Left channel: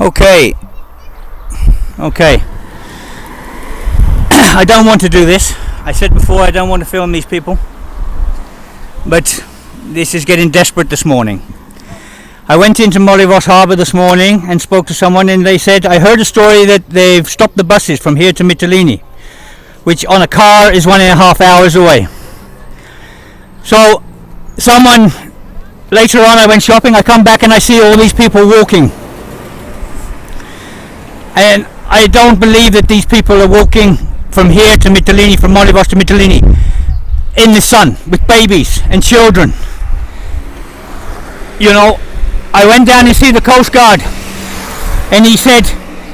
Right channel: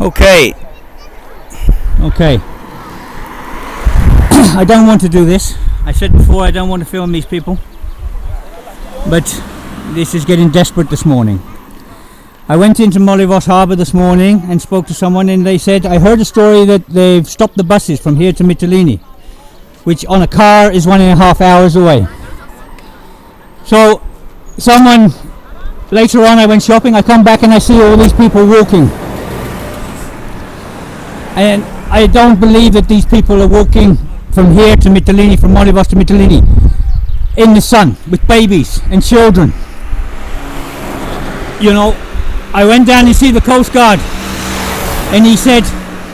Okay. I don't want to do this. I said before I don't want to film these people. But this is getting desperate this morning. I went into Lesvos harbour this morning and spoke to someone, and they said, I heard a story that they've stopped the buses from here to Mytilene, which on a car is 1.5 hours away. So someone, later on I went shopping, I come back and I see all these people walking. And I don't believe that these people are walking from here to Mytilene, from Lesvos to Mytilene, in the sun, with babies and children. You know, I went down and see the Coast Guard, and he said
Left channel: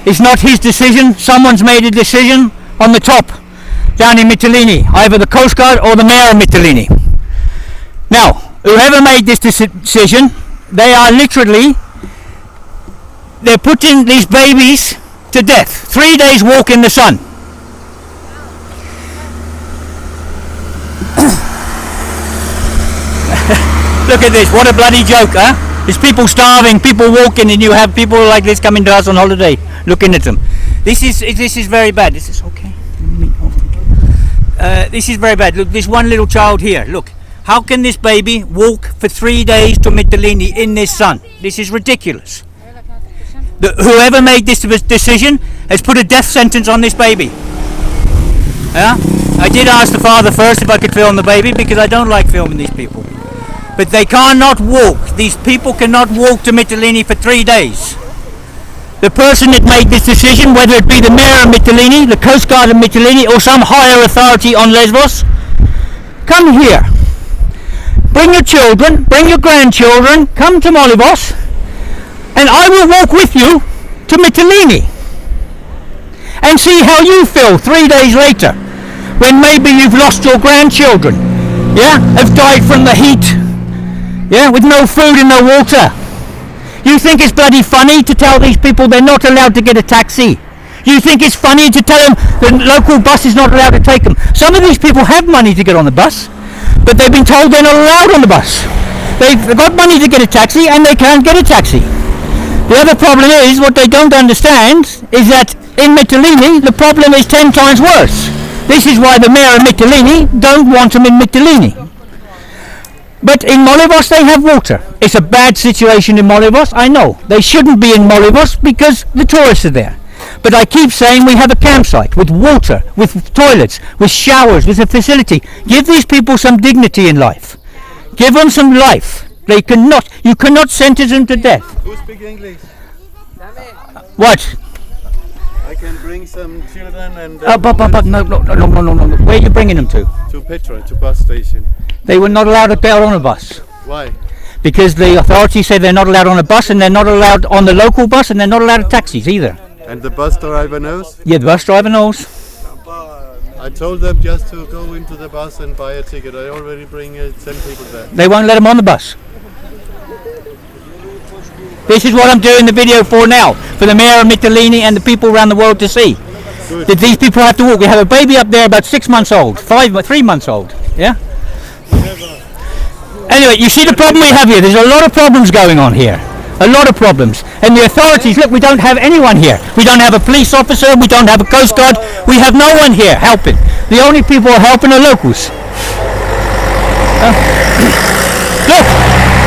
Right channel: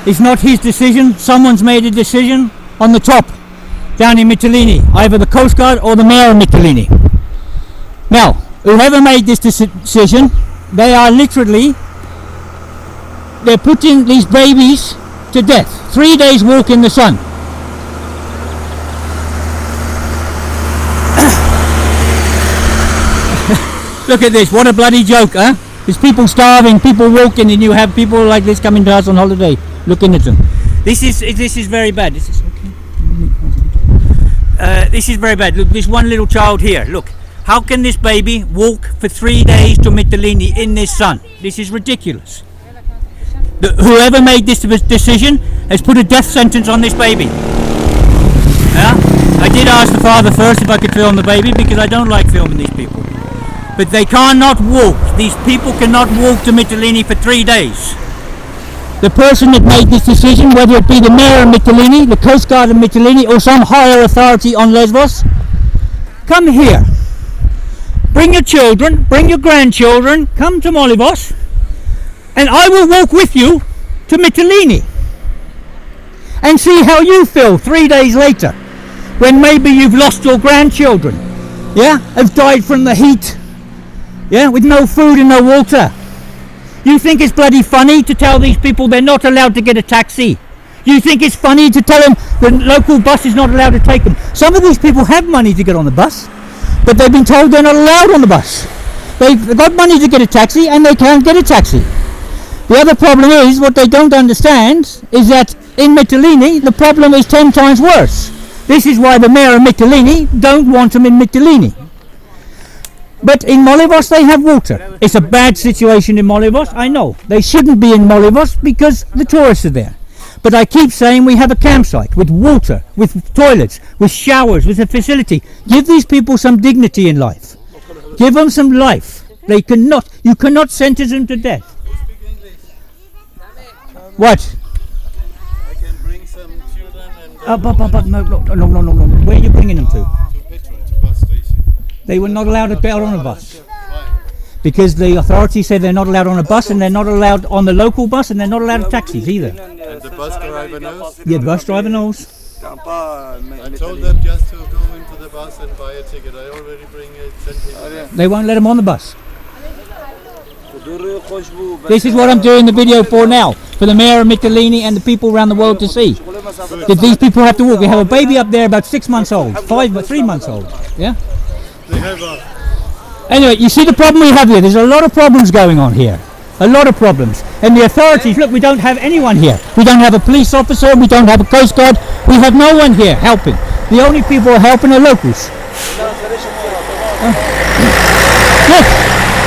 it's not his decision. Someone's made a decision on the top, down in Mytilene, either the Coast Guard or the Mayor of Mytilene. Now, whoever made this decision, they are literally, they're putting these babies to death. 3 days walk in the sun. Look at this, what a bloody joke, huh? There's people starving, people walking, and you have people like this coming to us on holiday, looking at them. This is very bad. This is okay. This is very bad. Look, this one little child here, look. How can this baby walk for 3 days to Mytilene in this sun? This is ridiculous. Whoever made this decision has put a death sentence on this baby. Yeah? I did ask the father first if I could film the baby, because I don't like filming these people. But they cannot walk. These people cannot walk to Mytilene for 3 days. The person that made this decision, whether it be the Mayor of Mytilene, the Coast Guard of Mytilene, or some higher authority on Lesvos, come here. Bring your children, bring your grandchildren, come to Lesvos, and I will walk with you to Mytilene and see how you feel 3 days later, when maybe you've lost your grandchildren, yeah, have died from the heat, yeah, with no food and no water. You think it's bloody funny to tell these people they're not allowed to get a taxi? You think it's funny to tell them the local bus is not allowed to take them? Some of these people have money to get on the bus, but they've been told they're not allowed on the bus. They've got money to get a taxi and they can't get a taxi. The other problem is, what they don't understand is that in Mytilene the problem is 10 times worse. This is why the Mayor of Mytilene don't want them in Mytilene. But in Lesvos they have water. It's a bad situation in Lesvos, I know. They shouldn't be in Lesvos because the tourists are there. But I keep saying we have a campsite with water, with toilets, with showers, with a facility. Give these people some dignity in life. Give them some life. You cannot sentence them to death. Who speaks English? What? I can bring some children and... No. Where are you bringing them to? To Petra, to bus station. They were not allowed to get on a bus. Why? Because the authorities said they're not allowed on a bus, and they're not allowed on the local bus, and they're not allowed taxis either. And the bus driver knows? Yeah, the bus driver knows. I told them just to go into the bus and buy a ticket. I already sent people there. They won't let them on the bus. This is what I'm doing the video for now, for the Mayor of Mytilene and the people around the world to see. Good. That these people have to walk. We have a baby up there about 6 months old, 3 months old. Yeah. Anyway, you see the problem we have here. There's a lot of problems going on here. A lot of problems. And the authorities, look, we don't have anyone here. We don't have a police officer, we don't have a Coast Guard, we have no one here helping. The only people who are helping are locals. Look,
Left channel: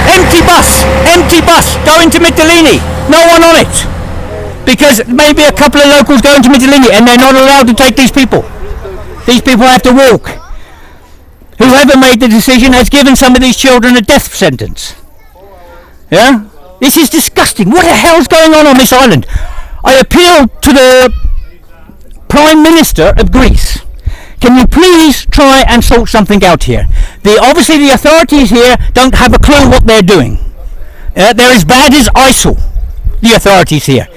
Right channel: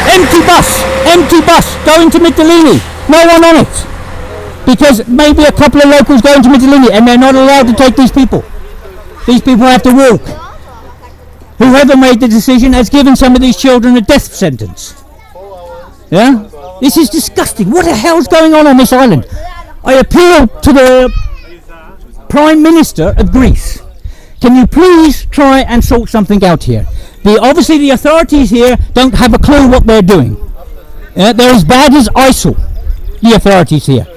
empty bus, going to Mytilene. No one on it. Because maybe a couple of locals going to Mytilene and they're not allowed to take these people. These people have to walk. Whoever made the decision has given some of these children a death sentence. Yeah? This is disgusting. What the hell's going on this island? I appeal to the Prime Minister of Greece. Can you please try and sort something out here? Obviously the authorities here don't have a clue what they're doing. They're as bad as ISIL, the authorities here.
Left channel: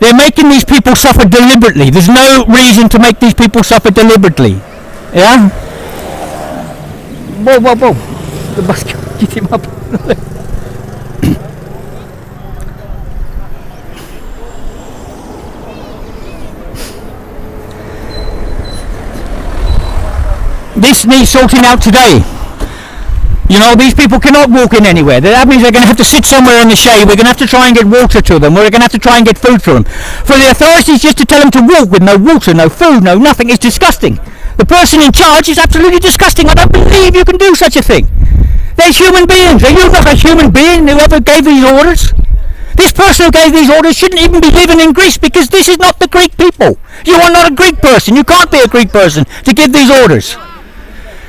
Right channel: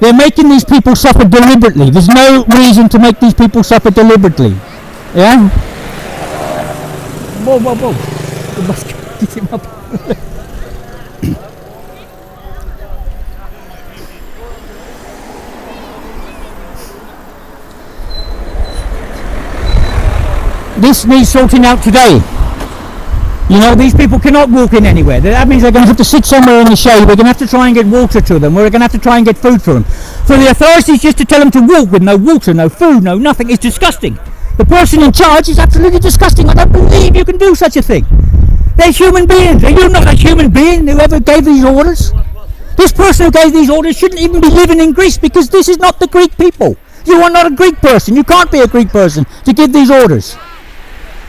They're making these people suffer deliberately. There's no reason to make these people suffer deliberately. Yeah? Whoa. Get him up. This needs sorting out today. You know, these people cannot walk in anywhere. That means they're going to have to sit somewhere in the shade. We're going to have to try and get water to them. We're going to have to try and get food for them. For the authorities just to tell them to walk with no water, no food, no nothing is disgusting. The person in charge is absolutely disgusting. I don't believe you can do such a thing. They're human beings. Are you not a human being, whoever gave these orders? This person who gave these orders shouldn't even be living in Greece, because this is not the Greek people. You are not a Greek person. You can't be a Greek person to give these orders.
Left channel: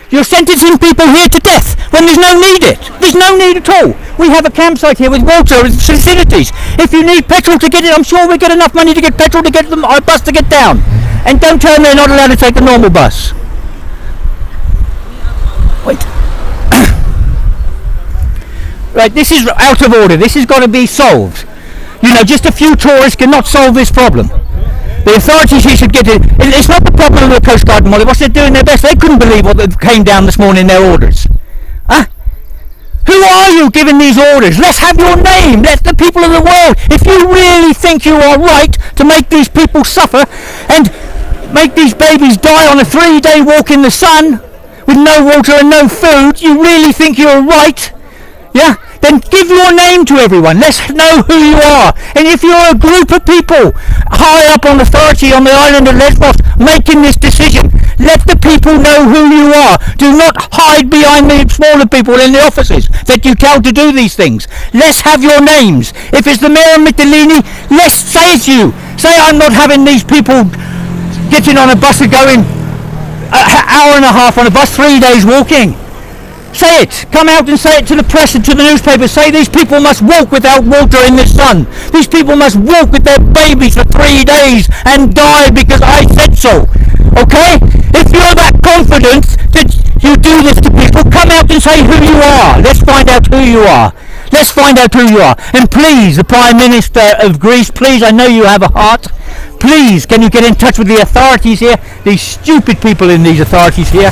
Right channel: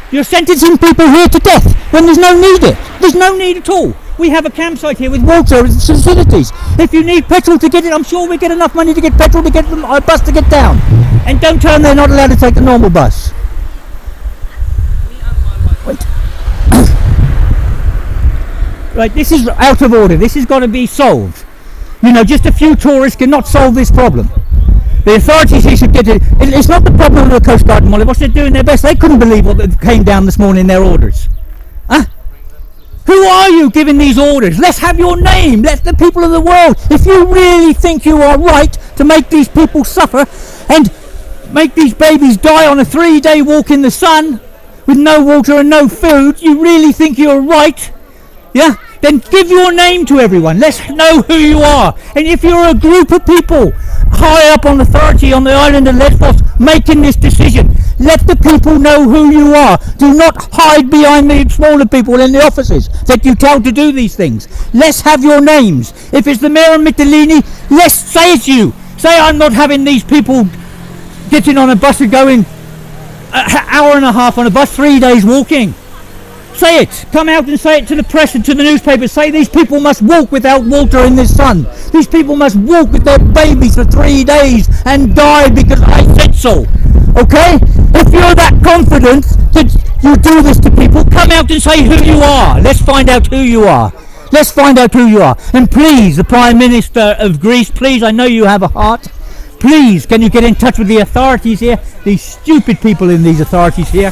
You're sentencing people here to death when there's no need it. There's no need at all. We have a campsite here with water and facilities. If you need petrol to get it, I'm sure we get enough money to get petrol to get a bus to get down. And don't tell them they're not allowed to take the normal bus. Wait. Right, this is out of order. This has got to be solved. You know, just a few tourists cannot solve this problem. The authorities here should get it. It's not the problem of the Coast Guard and Molly. They're doing their best. They couldn't believe what came down this morning in their orders. Huh? Who are you giving these orders? Let's have your name. Let the people of the world. If you really think you are right to make these people suffer and make these babies die on a 3-day walk in the sun with no water and no food, you really think you're right? Yeah? Then give your name to everyone. Let's know who you are. And if you're a group of people high up on authority on the island of Lesvos making this decision, let the people know who you are. Do not hide behind the smaller people in the offices that you tell to do these things. Let's have your names. If it's the mayor of Mytilene, let's say it's you. Say, I'm not having these people getting on a bus and going an hour and a half on a bus, 3 days walking. Say it. Come out and say it to the press and to the newspapers. Say these people must walk without water in the sun. These people must walk with their babies for 3 days and die because I said so. Okay? If you're that confident that you do this to people, come out and say who you are. Let's find out who you are. Let's find out who you are. And please, the Prime Minister of Greece, please, I know you have a heart. Please, can you get in touch with the authorities here? These stupid people in these authorities here.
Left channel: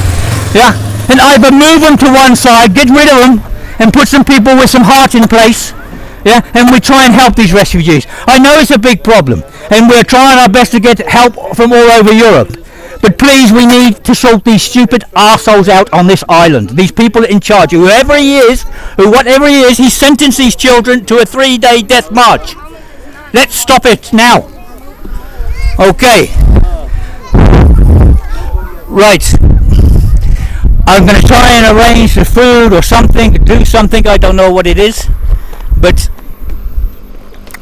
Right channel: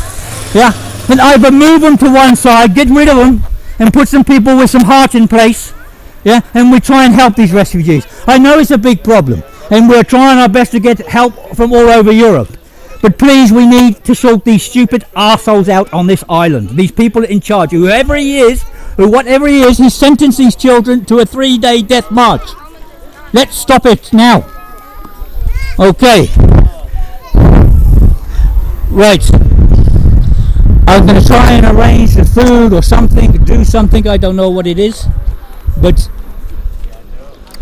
Yeah? And either move them to one side, get rid of them, and put some people with some heart in place, yeah, and we try and help these refugees. I know it's a big problem, and we're trying our best to get help from all over Europe. But please, we need to sort these stupid arseholes out on this island. These people in charge, whoever he is, or whatever he is, he sentenced these children to a 3-day death march. Let's stop it now. Okay. Right. I'm going to try and arrange the food or something, do something, I don't know what it is, but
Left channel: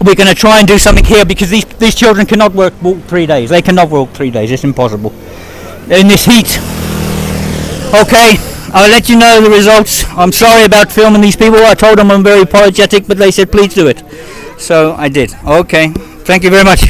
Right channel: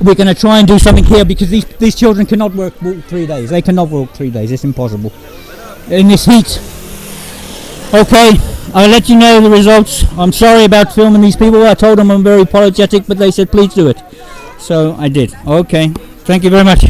we're going to try and do something here because these children cannot walk 3 days. They cannot walk 3 days, it's impossible in this heat. Okay, I'll let you know the results. I'm sorry about filming these people. I told them I'm very apologetic, but they said please do it. So I did. Okay, thank you very much.